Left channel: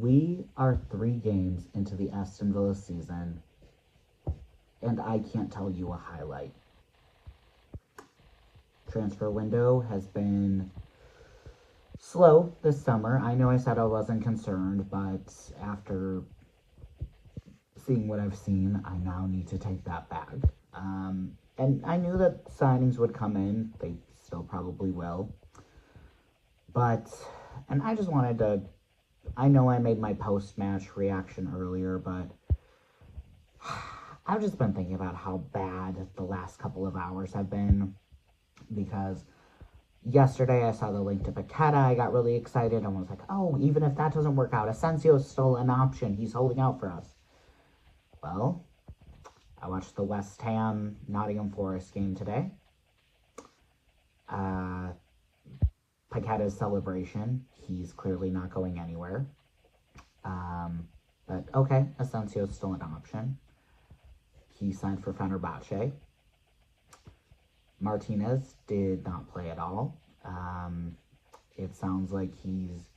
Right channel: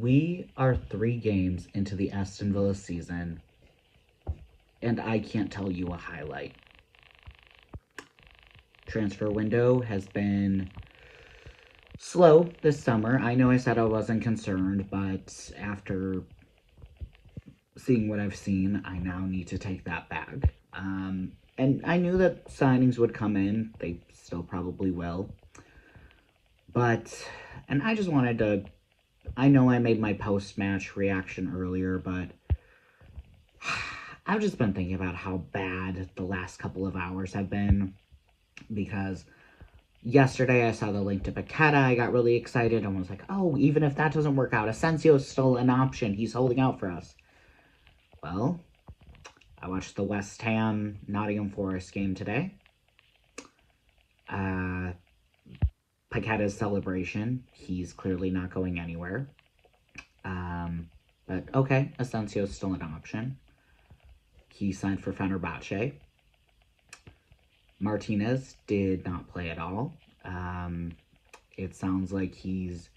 We are 3 games into the Aston Villa season, and I can't tell you a highlight. Transfer window has been slow this summer. I know I said I wasn't concerned, but after seeing what I've seen, I now need to take that back. And I knew that signings would come in. They still probably will. But, and I just wanted to, I know I made my post-match reaction earlier, but I've just been thinking about how bad the last couple of hours have been, because yesterday I saw the link to Paqueta. I got really excited and was like, oh, even if that doesn't work out, Asensio is still an option. He's holding out for us. Well, I watched the West Ham Nottingham Forest game today. Paqueta's celebration. He's clearly not going anywhere. But okay, Asensio's still an option. He signed for Fenerbahce. Martinez did not play at all. It sounds like he's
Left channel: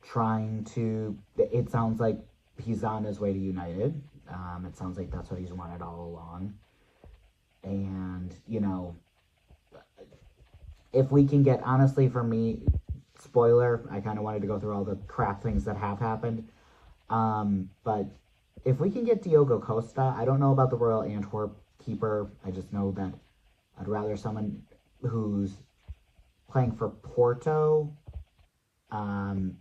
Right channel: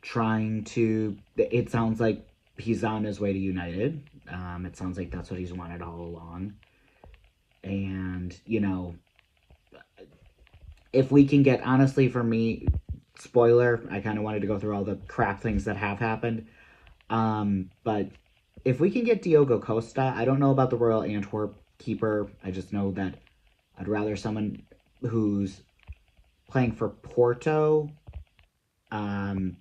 trying to... It sounds like he's on his way to United. It sounds like that's what he's wanted all along. And, you know, if we can get... Honestly, for me, spoiler, I kind of wanted to go through all the crap things that have happened. But if we can get Diogo Costa, I don't know about the Royal Antwerp keeper. I just know that I'd rather someone who's playing for Porto, and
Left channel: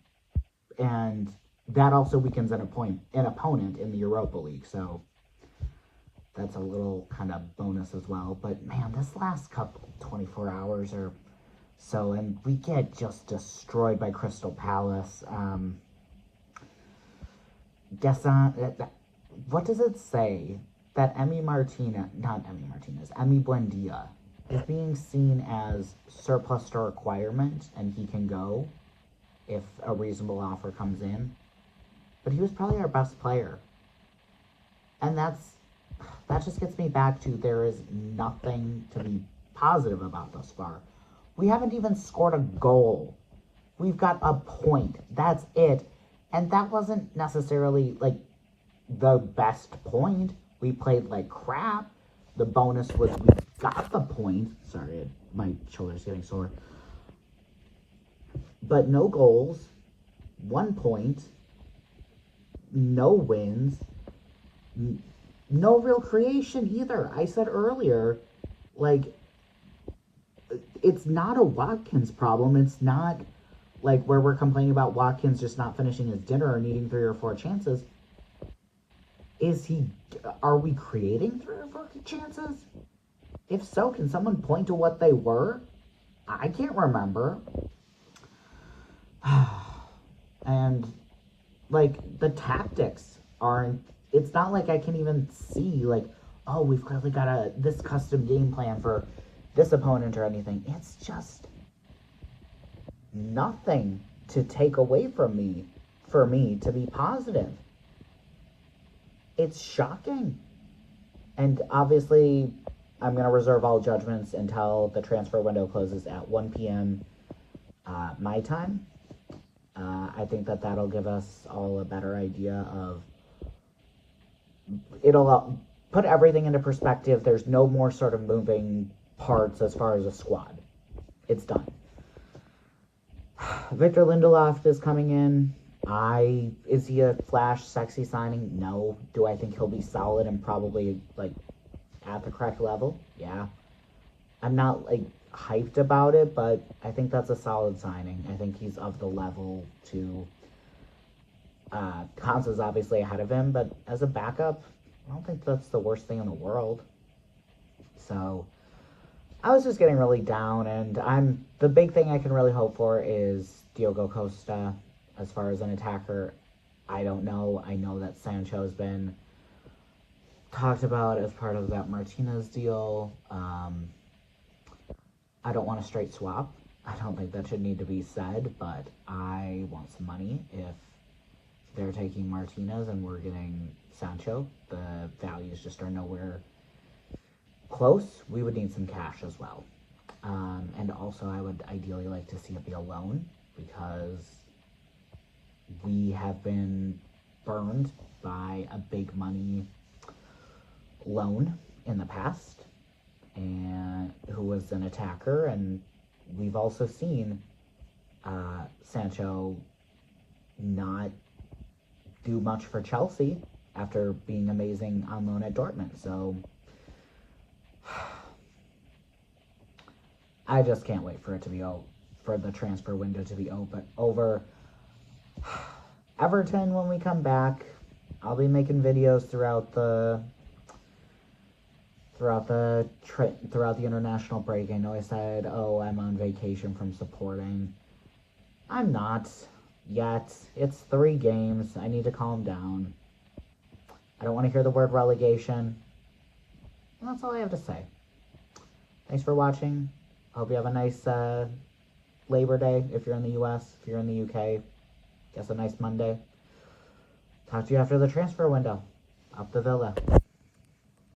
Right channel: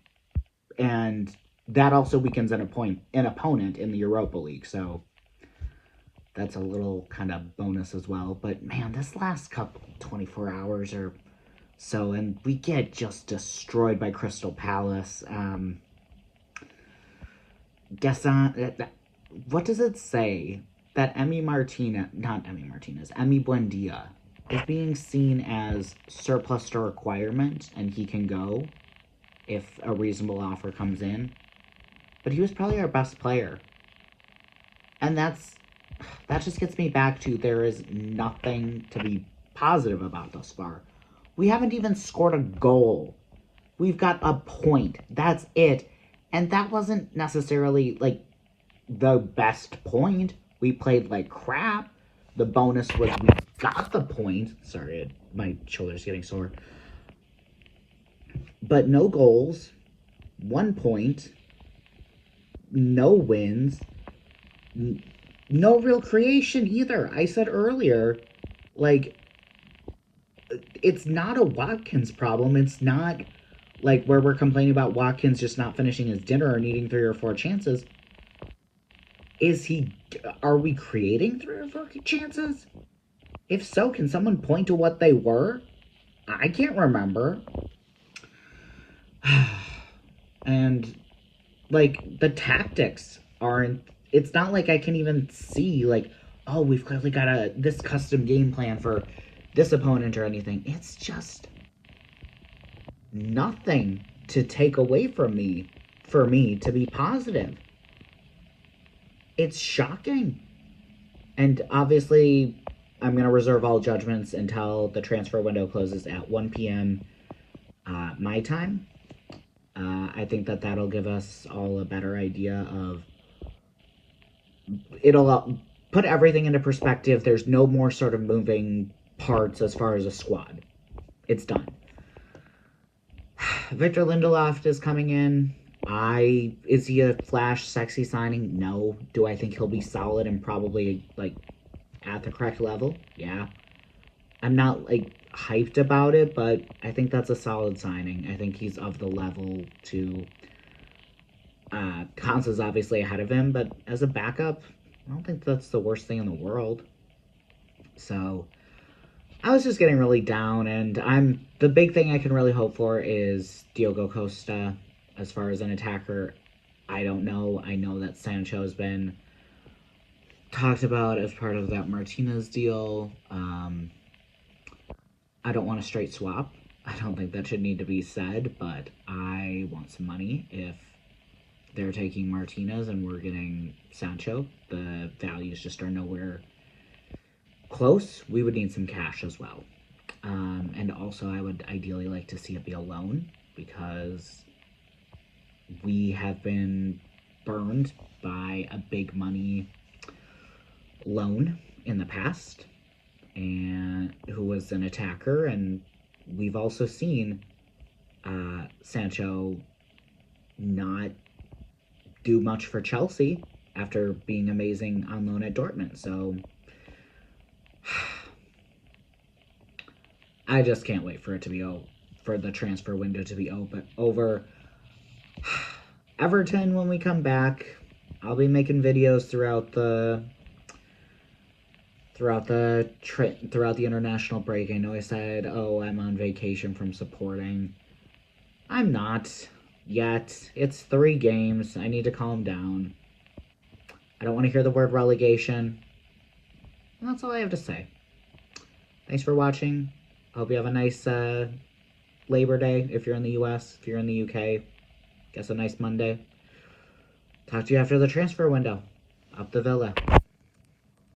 that also weakens an opponent in the Europa League. So that's a little kind of bonus as well. But man, this last couple 24 hours or so, and we get just destroyed by Crystal Palace. What does it say? That Emi Buendia is being seen as surplus to requirement, and he can go if a reasonable offer comes in. But he was probably our best player. And that just gets me back to there is nothing to be positive about thus far. We haven't even scored a goal. We've got a point. That's it. And that wasn't necessarily, like, the best point. We played like crap. The bonus was we got the point. Sorry, my shoulder's getting sore. But no goals, 1 point, no wins, no real creation either. I said earlier, like, it's not a Watkins problem. It's not like where we're complaining about Watkins just not finishing his dinner or needing 3 or 4 chances. Are we creating 3 or 4 chances? If so, can someone point to what they were? I can't remember. And, like, the tactics aren't... It's not like I can even see, like, oh, we've clearly got this custom game plan for this opponent or anything. It's just nothing to take away from me, for me to be positive. It's shocking. And obviously, I'm going to reserve all judgments until the transfer window closes at 1 p.m. My time. I think that that'll give us all a better idea of... It'll put everything into perspective. There's no more sort of moving parts as far as a squad. It's done. Victor Lindelof is coming in. Is he a flash sexy signing? No. Do I think he'll be solid and probably, like, at the correct level? Yeah. I'm not, like, hyped about it, but I think that's a solid signing. I think he's of the level to... Konsa's obviously ahead of him, but as a backup, I don't think that's the worst thing in the world. So, I was just getting really down, and the big thing I can really hope for is Diogo Costa. As far as an attacker, I don't know. I know that Sancho has been talked about as part of that Martinez deal. I don't want a straight swap. I don't think that should need to be said, but I want some money. If they're taking Martinez and we're getting Sancho, the values just are nowhere close. We would need some cash as well. And also, I would ideally like to see it be a loan, because we have been burned by a big money loan in the past, and who was an attacker, and we've also seen Sancho not do much for Chelsea after being amazing on loan at Dortmund. So I just can't wait for it to be for the transfer window to be over. Everton, when we come back, I'll be making videos throughout the international break. I know I said, oh, I'm on vacation from supporting. I'm not yet. It's 3 games. I need to calm down. I don't want to hear the word relegation. And that's all I have to say. Thanks for watching. Hope you have a nice Labor Day if you're in the US. If you're in the UK, guess a nice Monday. Talk to you after the transfer window. Up the Villa.